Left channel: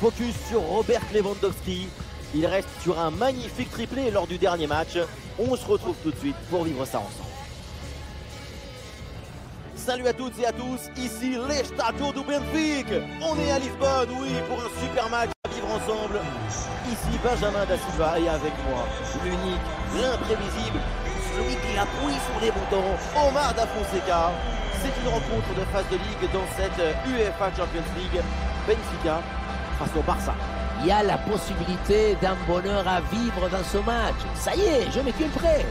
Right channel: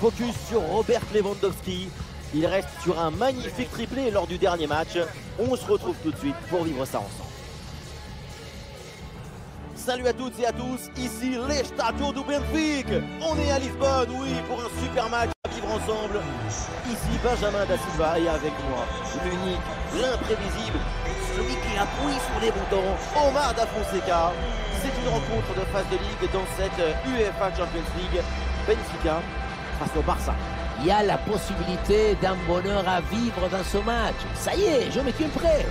Focus sur Robert Lewandowski. Il reste sur un magnifique triplé lors du dernier match. On se retrouve tout de suite pour vivre ça ensemble. Salut à toutes et à tous, ici l'Estádio do Benfica. On est à Lisbonne, oui, pour un super match à vivre ensemble. Ici Benjamin da Silva et avec moi, l'unique, l'imprévisible, celui qui appuie sur les boutons, Omar da Fonseca. C'est une rencontre de phase de ligue dans cette UEFA Champions League. Benfica face au Barça. Il y a la possibilité d'un bonheur à vivre dans ce match. Ça y est, je me tiens prêt.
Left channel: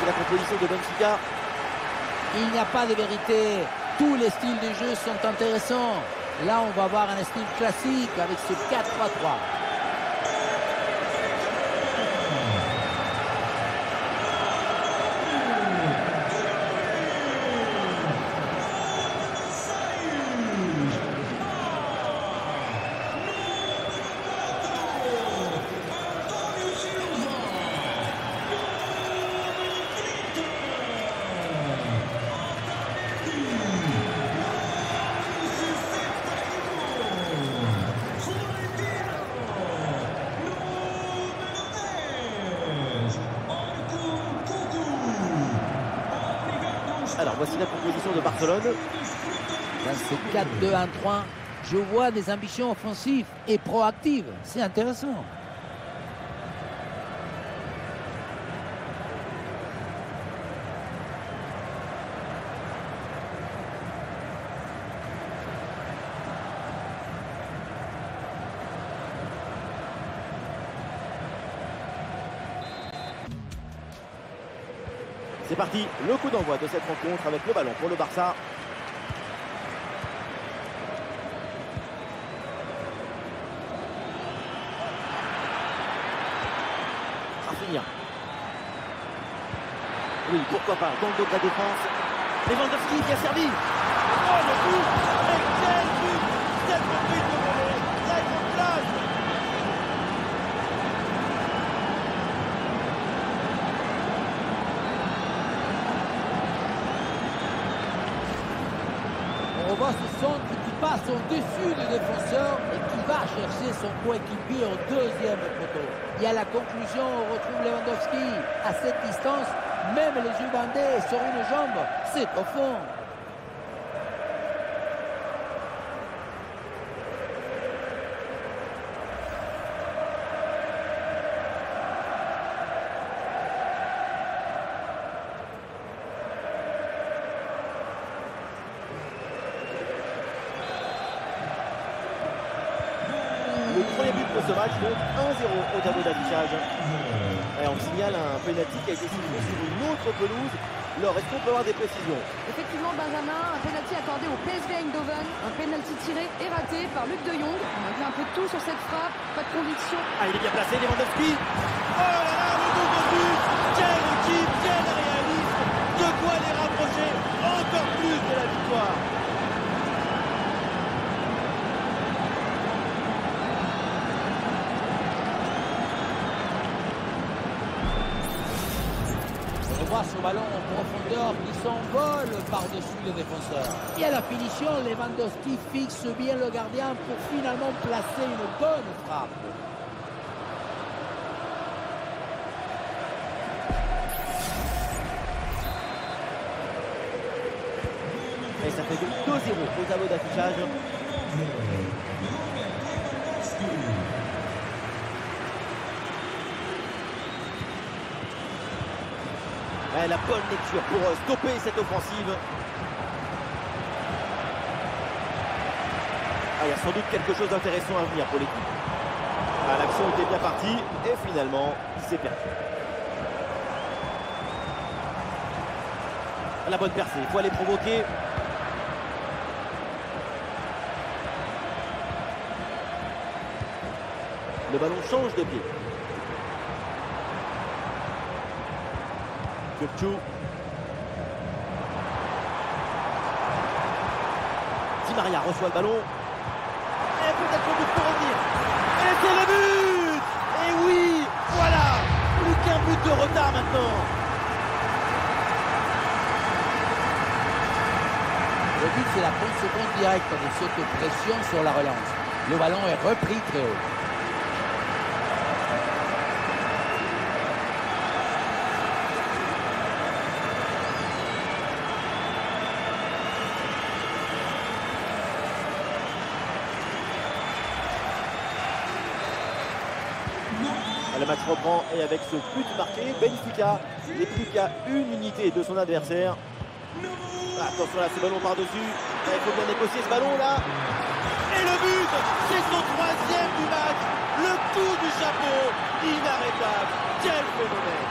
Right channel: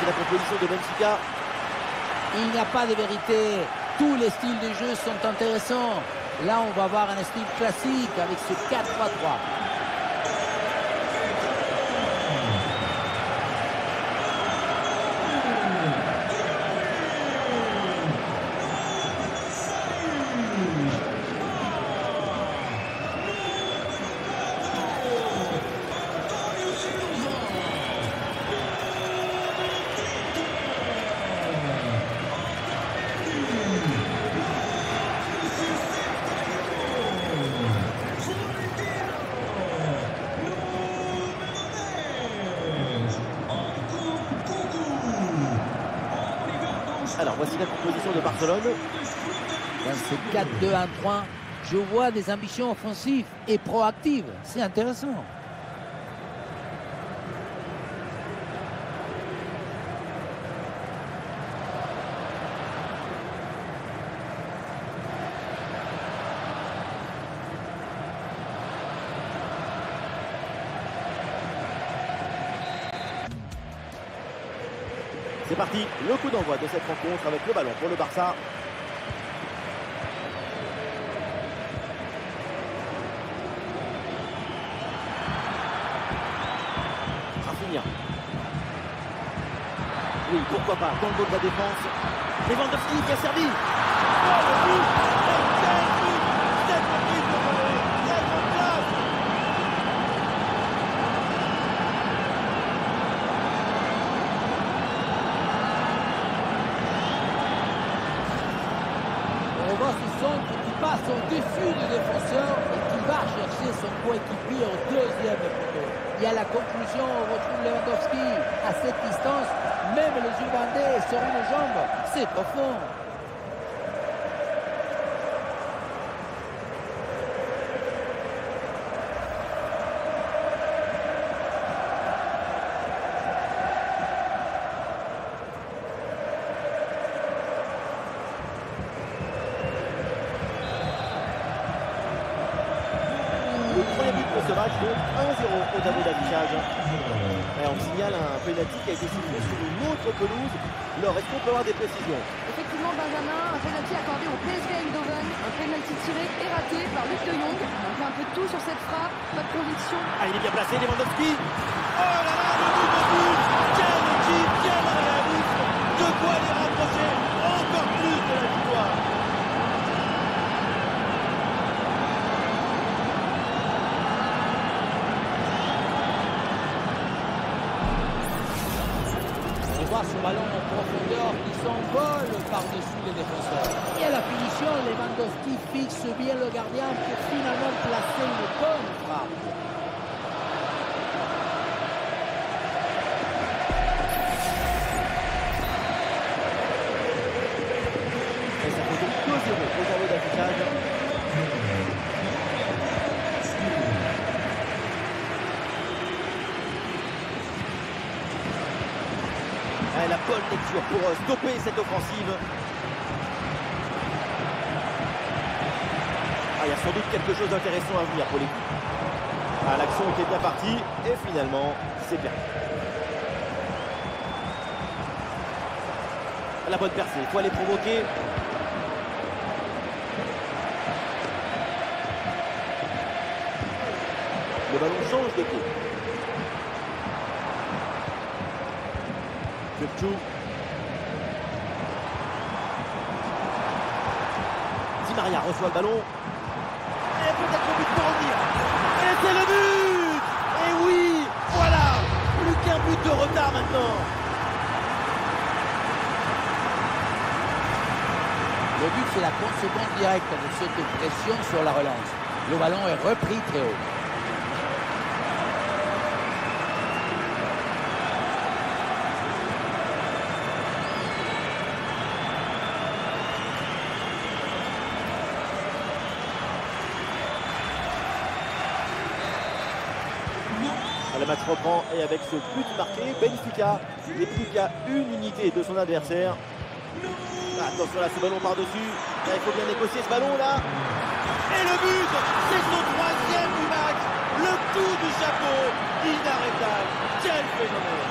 C'est la composition de Benfica. Il n'y a pas de vérité. Tous les styles de jeu sont intéressants. Là, on va voir un style classique avec ce 4-3-3. Alors voici la composition de Barcelone. Dans ce 4-2-1-3, je vois des ambitions offensives et proactives. C'est intéressant. C'est parti, le coup d'envoi de cette rencontre avec le ballon pour le Barça. Rafinha. Oui, pourquoi pas, dans le dos de la défense. Lewandowski qui a servi. Oh, le but! Et quel but! Cette reprise de volée! Très grande place! On voit ce centre qui passe au-dessus du défenseur et qui va chercher son coéquipier au deuxième poteau. Il y a la conclusion, on retrouve Lewandowski. À cette distance, même les yeux bandés sur une jambe, c'est au fond. Le premier but de ce match, donc 1-0 au tableau d'affichage. Et on signale un penalty qui a été sifflé sur une autre pelouse. Alors, est-ce qu'on peut avoir des précisions? Effectivement, Benjamin, un penalty accordé au PSV Eindhoven, un penalty tiré et raté par Luc de Jong. On a fait un peu de tout sur cette frappe, pas de conviction. Ah, il est bien placé, Lewandowski. Oh là là, le double but. Quelle équipe, quel réalisme. De quoi les rapprocher encore plus de la victoire. On voit ce ballon en profondeur qui s'envole par-dessus les défenseurs. Et à la finition, Lewandowski fixe bien le gardien pour finalement placer une bonne frappe. Et ça fait donc 2-0 au tableau d'affichage. La bonne lecture pour stopper cette offensive. il y a sans doute quelque chose d'intéressant à venir pour l'équipe. Ah, l'action était bien partie et finalement, c'est perdu. La bonne percée, il faut aller provoquer. Le ballon change de pied. Kökçü. Di Maria reçoit le ballon. Et peut-être le but pour revenir. Et c'est le but! Et oui, voilà! Plus qu'un but de retard maintenant. Le but, c'est la conséquence directe de cette pression sur la relance. Le ballon est repris très haut. Le match reprend et avec ce but marqué, Benfica n'est plus qu'à une unité de son adversaire. Attention là, ce ballon par-dessus. Il faut bien négocier ce ballon là. Et le but, c'est son troisième du match. Le coup du chapeau, inarrêtable. Quel phénomène.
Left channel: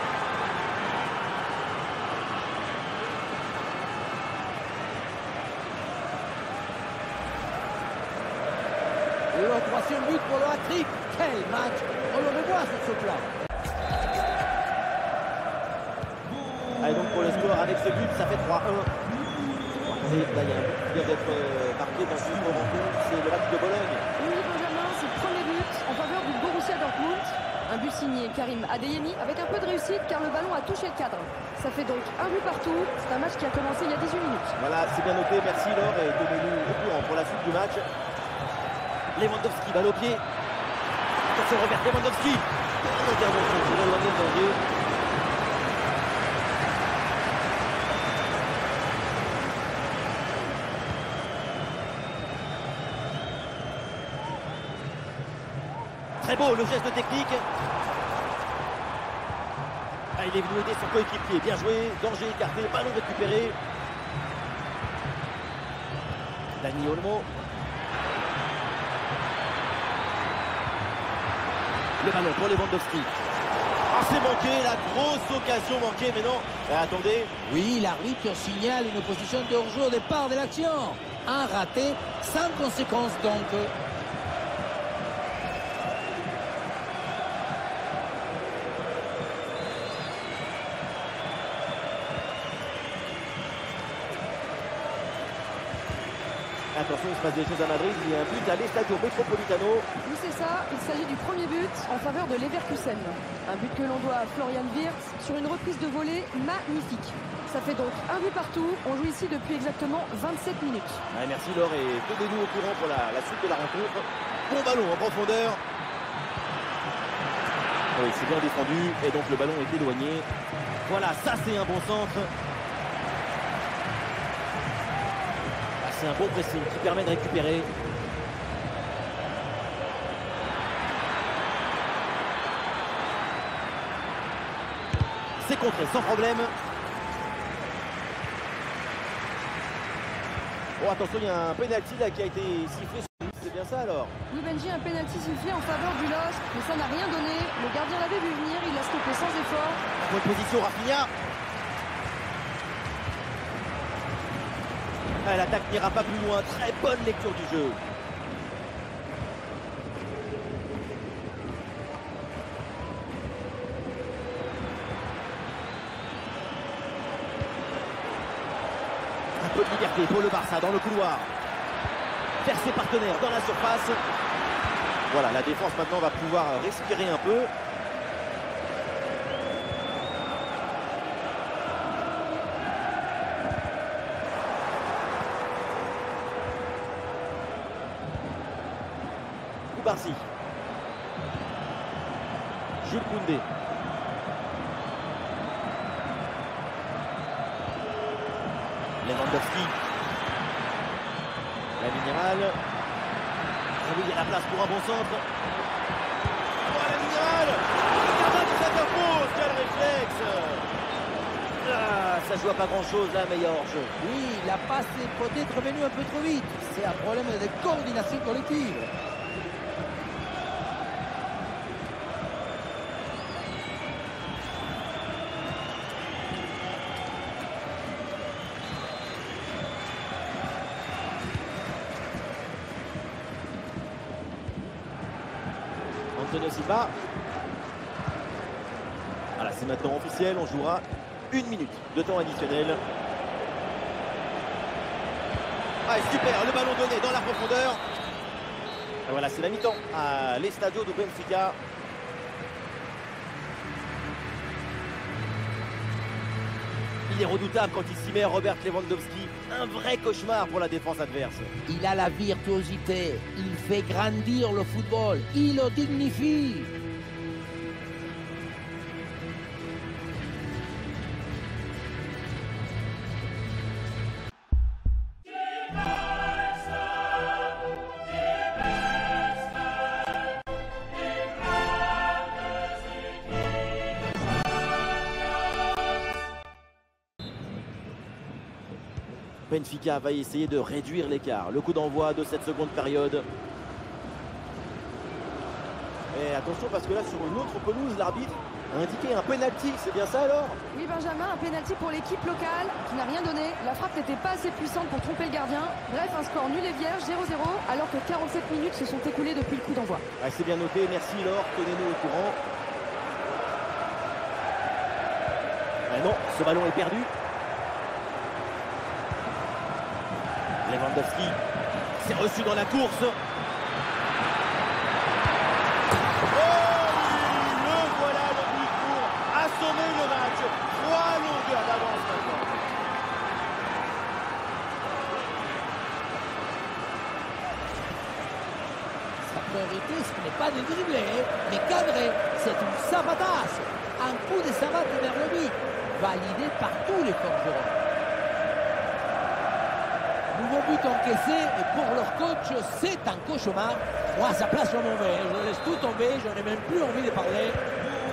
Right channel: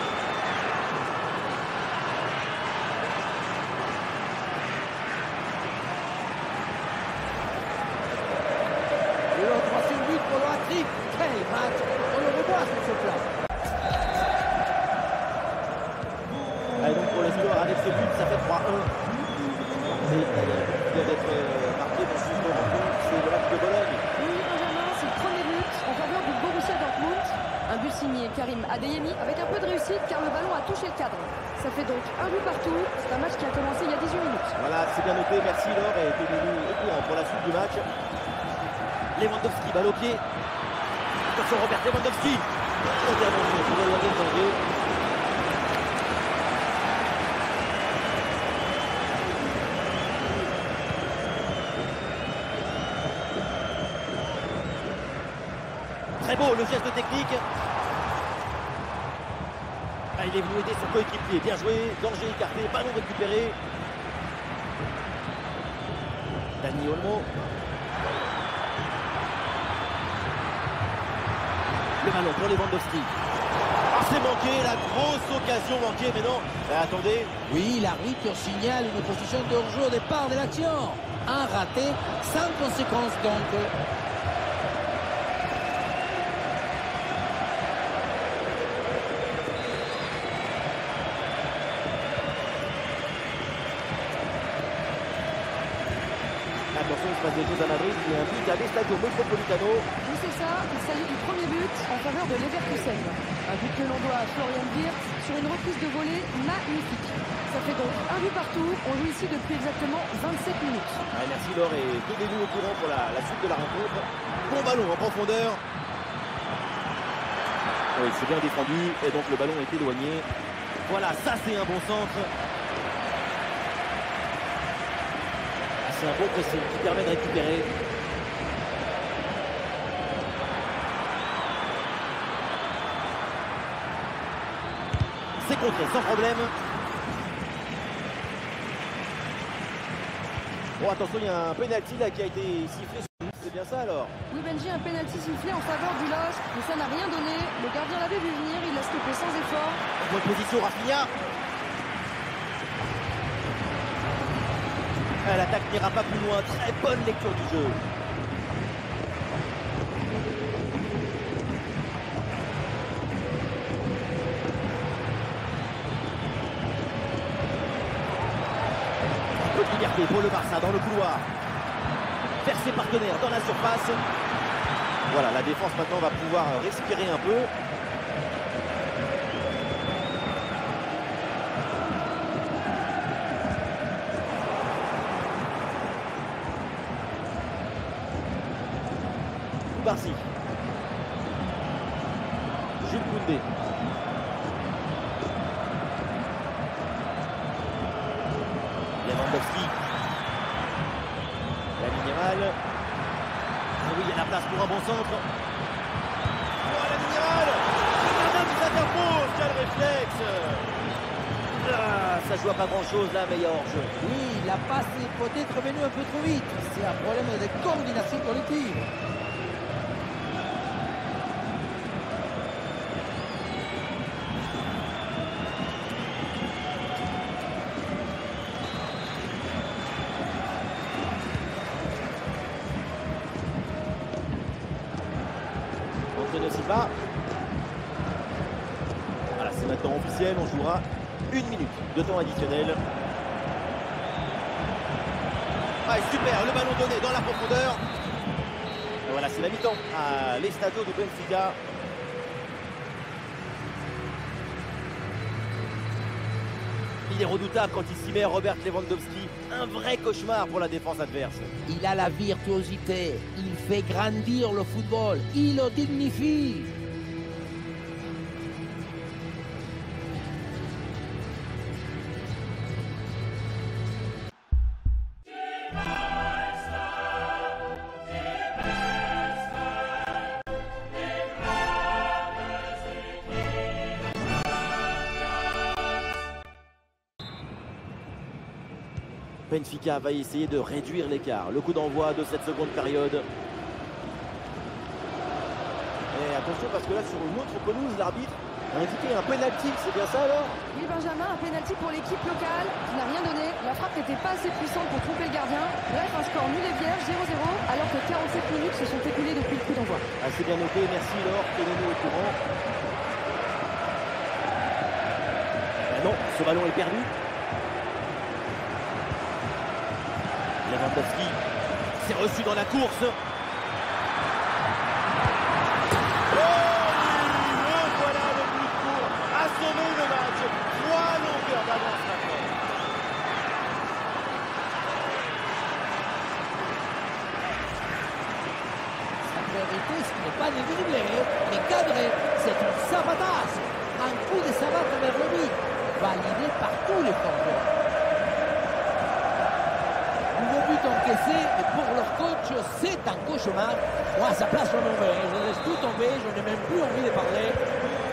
Le troisième but pour le hat-trick. Quel match! On le revoit sur ce plan. Allez, donc pour le score avec ce but, ça fait 3-1. Attendez, là il y a un but qui vient d'être marqué dans une rencontre, c'est le match de Bologne. Oui, Benjamin, c'est le premier but en faveur du Borussia Dortmund. Un but signé Karim Adeyemi avec un peu de réussite car le ballon a touché le cadre. Ça fait donc un but partout. C'est un match qui a commencé il y a 18 minutes. Voilà, c'est bien noté, merci Laure et tenez-nous au courant pour la suite du match. Lewandowski, balle au pied. Attention Robert Lewandowski. Intervention pour éloigner le danger. Très beau le geste technique. Ah, il est venu aider son coéquipier. Bien joué. Danger écarté. Ballon récupéré. Dani Olmo. Le ballon pour Lewandowski. Ah, c'est manqué. La grosse occasion manquée. Mais non. Attendez. Oui, l'arbitre signale une position de hors-jeu au départ de l'action. Un raté sans conséquence donc. Attention, il se passe des choses à Madrid. Il y a un but à l'Estadio Metropolitano. Oui, c'est ça. Il s'agit du premier but en faveur de Leverkusen. Un but que l'on doit à Florian Wirtz sur une reprise de volée magnifique. Ça fait donc un but partout. On joue ici depuis exactement 27 minutes. Ouais, merci Laure et tenez-nous au courant pour la suite de la rencontre. Bon ballon en profondeur. Oui, c'est bien défendu et donc le ballon est éloigné. Voilà, ça c'est un bon centre. C'est un bon pressing qui permet de récupérer. C'est contré sans problème. Bon, attention, il y a un penalty là qui a été sifflé. C'est bien ça alors? Oui, Benji, un penalty sifflé en faveur du LOSC, mais ça n'a rien donné. Le gardien l'avait vu venir, il l'a stoppé sans effort. En bonne position, Rafinha. L'attaque n'ira pas plus loin. Très bonne lecture du jeu. Un peu de liberté pour le Barça dans le couloir. Vers ses partenaires dans la surface. Voilà, la défense maintenant va pouvoir respirer un peu. Barcy. Jules Koundé. Lewandowski. La minimale. Ah oui, il y a la place pour un bon centre. Oh, la minimale. Le gardien qui s'interpose. Quel réflexe. Ah, ça joue à pas grand-chose là, mais il y a hors-jeu. Oui, la passe est peut-être venue un peu trop vite. C'est un problème de coordination collective. Antonio Silva. Voilà, c'est maintenant officiel, on jouera 1 minute de temps additionnel. Ah, super, le ballon donné dans la profondeur. Et voilà, c'est la mi-temps à l'Estadio do Benfica. Il est redoutable quand il s'y met, Robert Lewandowski. Un vrai cauchemar pour la défense adverse. Il a la virtuosité, il fait grandir le football, il le dignifie. Benfica va essayer de réduire l'écart. Le coup d'envoi de cette seconde période. Et attention parce que là sur une autre pelouse, l'arbitre a indiqué un penalty. C'est bien ça alors? Oui, Benjamin, un penalty pour l'équipe locale qui n'a rien donné. La frappe n'était pas assez puissante pour tromper le gardien. Bref, un score nul et vierge, 0-0, alors que 47 minutes se sont écoulées depuis le coup d'envoi. Ah, c'est bien noté, merci Laure, tenez-nous au courant. Ah non, ce ballon est perdu. Lewandowski s'est reçu dans la course. Oh oui, le voilà le but pour assommer le match. 3 longueurs d'avance maintenant. Sa priorité, ce n'est pas de dribbler, mais cadrer. C'est une sabatasse. Un coup de savate vers le but, validé par tous les forgerons. Nouveau but encaissé et pour leur coach, c'est un cauchemar. Moi, à sa place, je m'en vais. Je laisse tout tomber, je n'ai même plus envie de parler.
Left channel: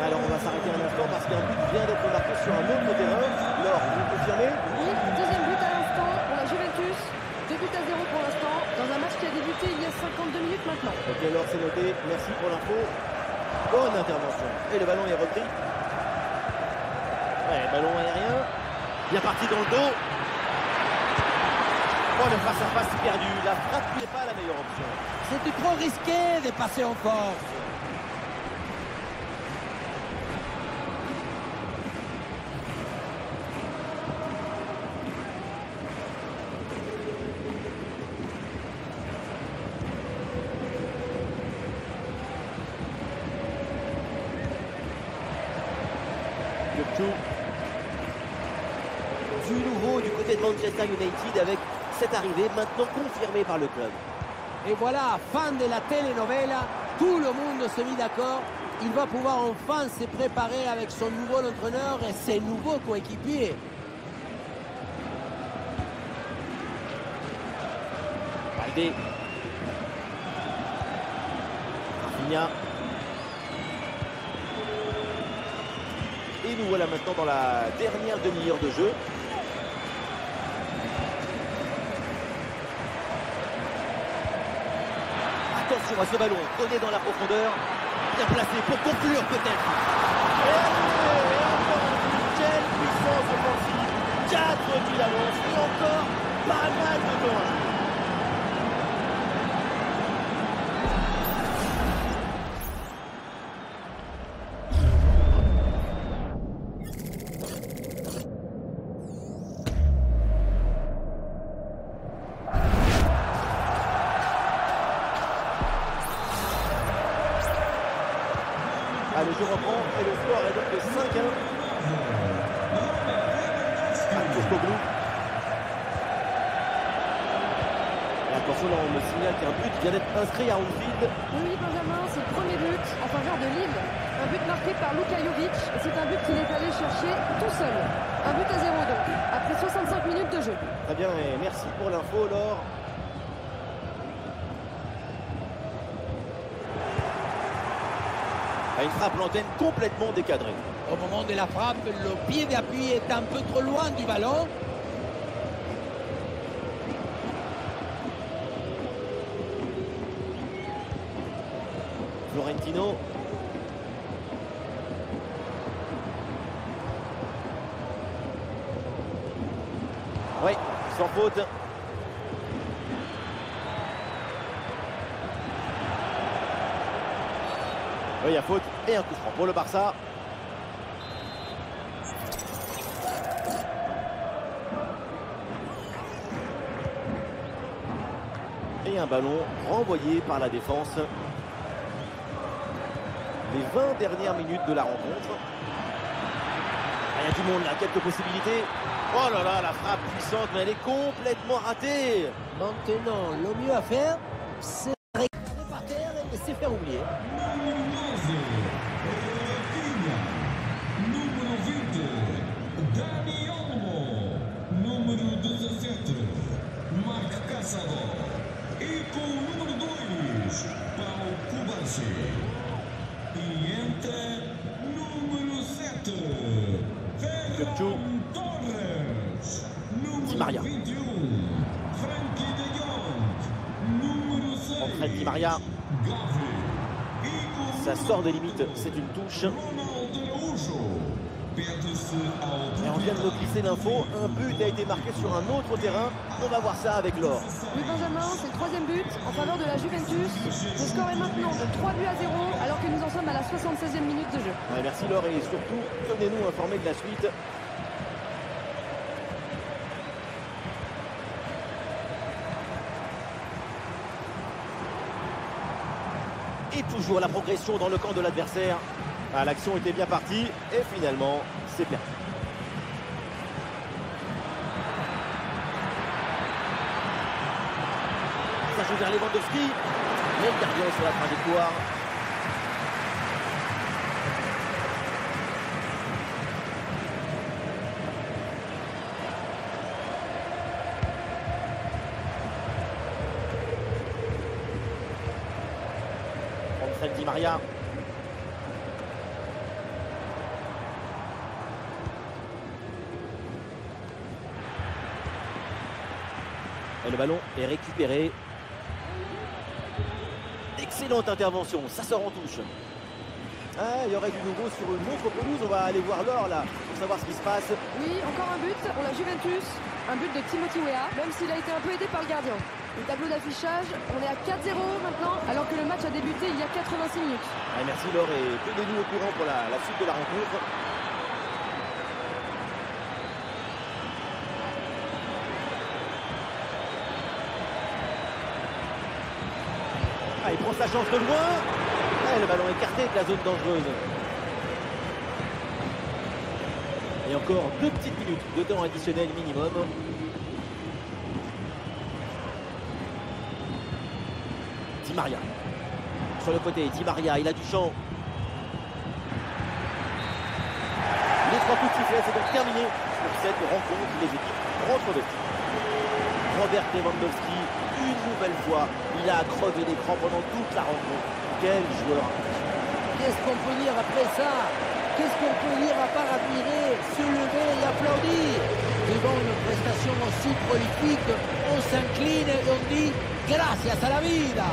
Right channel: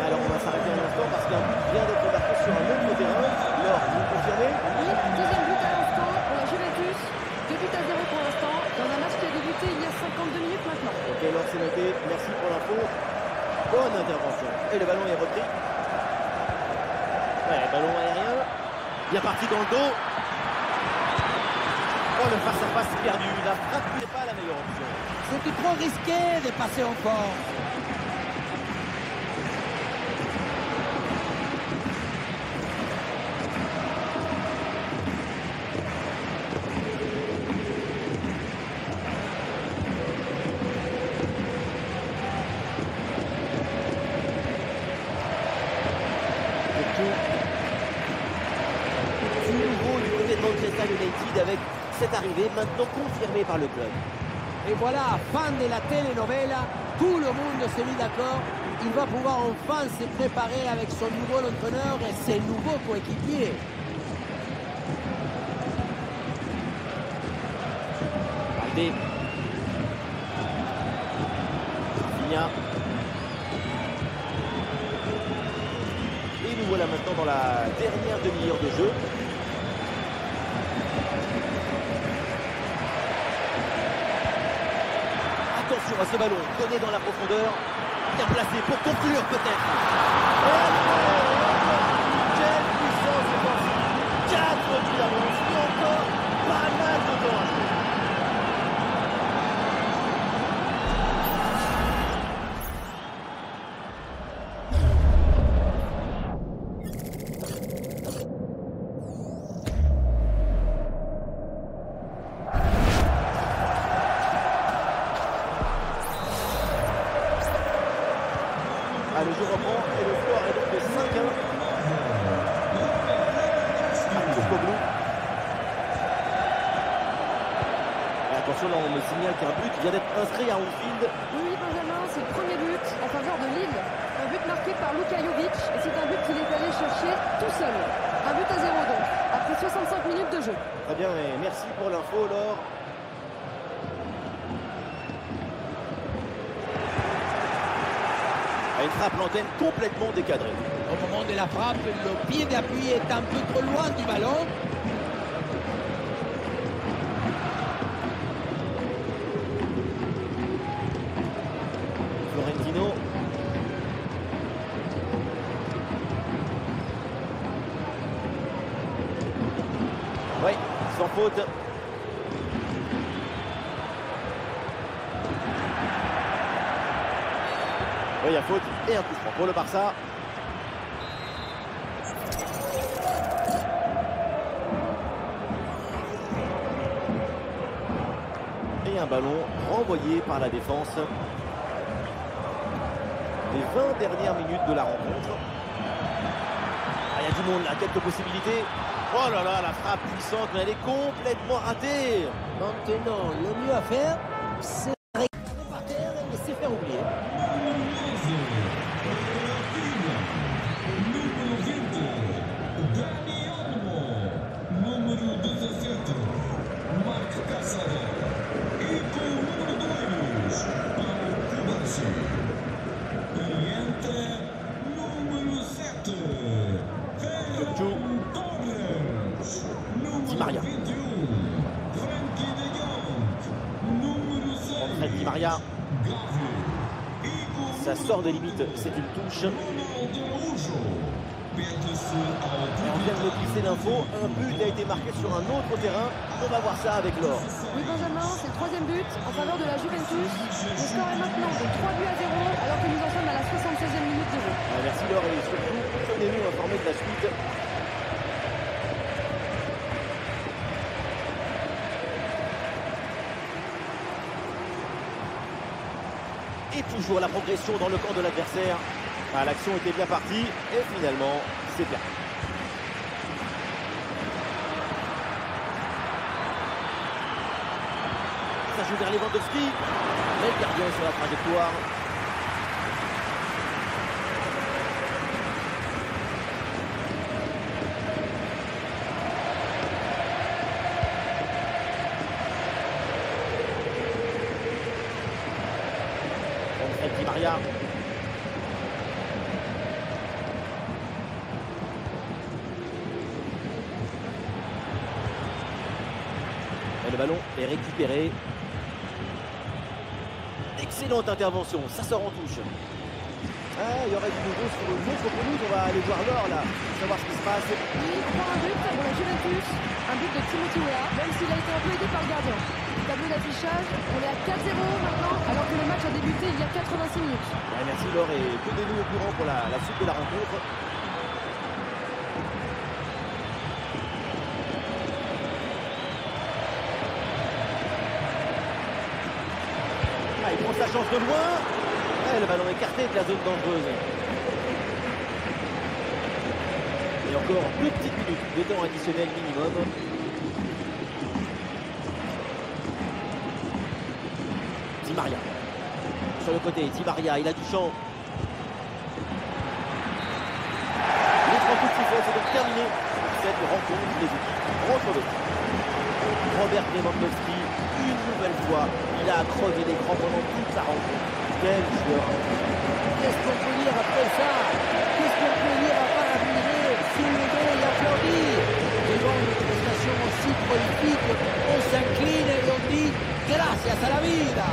Alors, on va s'arrêter un instant parce qu'un but vient d'être marqué sur un autre terrain. Laure, vous confirmez? Oui, deuxième but à l'instant pour la Juventus. 2 buts à 0 pour l'instant, dans un match qui a débuté il y a 52 minutes maintenant. Ok, Laure, c'est noté. Merci pour l'info. Bonne intervention. Et le ballon est repris. Ouais, ballon aérien. Bien parti dans le dos. Oh, le face-à-face perdu. La frappe n'est pas la meilleure option. C'était trop risqué de passer en force. Du nouveau du côté de Manchester United avec cette arrivée maintenant confirmée par le club. Et voilà, fin de la telenovela, tout le monde s'est mis d'accord. Il va pouvoir enfin se préparer avec son nouveau entraîneur et ses nouveaux coéquipiers. Valdé. Rafinha. Et nous voilà maintenant dans la dernière demi-heure de jeu. Attention à ce ballon donné dans la profondeur. Bien placé pour conclure peut-être. Et allez, et encore un but. Quelle puissance offensive. 4 buts d'avance et encore pas mal de temps à jouer. Ah, le jeu reprend et le score est donc de 5-1. Kourkoglou. Et attention, là on me signale qu'un but vient d'être inscrit à Anfield. Oui, Benjamin, c'est le premier but en faveur de Lille. Un but marqué par Luka Jovic et c'est un but qu'il est allé chercher tout seul. Un but à 0 donc, après 65 minutes de jeu. Très bien, et merci pour l'info, Laure. À une frappe l'antenne complètement décadrée. Au moment de la frappe, le pied d'appui est un peu trop loin du ballon. Florentino. Oui, sans faute. Oui, il y a faute et un coup franc pour le Barça. Et un ballon renvoyé par la défense. Les 20 dernières minutes de la rencontre. Ah, il y a du monde là, quelques possibilités. Oh là là, la frappe puissante, mais elle est complètement ratée. Maintenant, le mieux à faire, c'est récupérer par terre et laisser faire oublier. Número 20, Dani Olmo. Número 17, Marc Caçador. E com o número 2, Paulo Cubarsí. E entra número 7, Ferran Torres. Di Maria. Número 21, Frankie de Jong. Número 6, Entrée de Di Maria. Gavi. Ça sort des limites, c'est une touche. Et on vient de me glisser l'info, un but a été marqué sur un autre terrain. On va voir ça avec Laure. Oui, Benjamin, c'est le troisième but en faveur de la Juventus. Le score est maintenant de 3-0 alors que nous en sommes à la 76e minute de jeu. Ouais, merci Laure et surtout, tenez-nous informés de la suite. Et toujours la progression dans le camp de l'adversaire. Ah, l'action était bien partie et finalement, c'est perdu. Ça joue vers Lewandowski, mais le gardien est sur la trajectoire. Entrée de Di Maria. Et le ballon est récupéré. Excellente intervention, ça sort en touche. Ah, il y aurait du nouveau sur une autre pelouse. On va aller voir Laure là pour savoir ce qui se passe. Oui, encore un but pour la Juventus. Un but de Timothy Weah, même s'il a été un peu aidé par le gardien. Le tableau d'affichage, on est à 4-0 maintenant, alors que le match a débuté il y a 86 minutes. Ouais, merci Laure et tenez-nous au courant pour la suite de la rencontre. Ah, il prend sa chance de loin. Ah, le ballon écarté de la zone dangereuse. Et encore 2 petites minutes de temps additionnel minimum. Di Maria. Sur le côté, Di Maria, il a du champ. Les 3 coups de sifflet, c'est donc terminé pour cette rencontre. Les équipes rentrent au vestiaire. Robert Lewandowski, une nouvelle fois, il a crevé l'écran pendant toute la rencontre. Quel joueur! Qu'est-ce qu'on peut dire après ça? Qu'est-ce qu'on peut dire à part admirer, se lever et applaudir? Devant une prestation aussi prolifique, on s'incline et on dit gracias a la vida.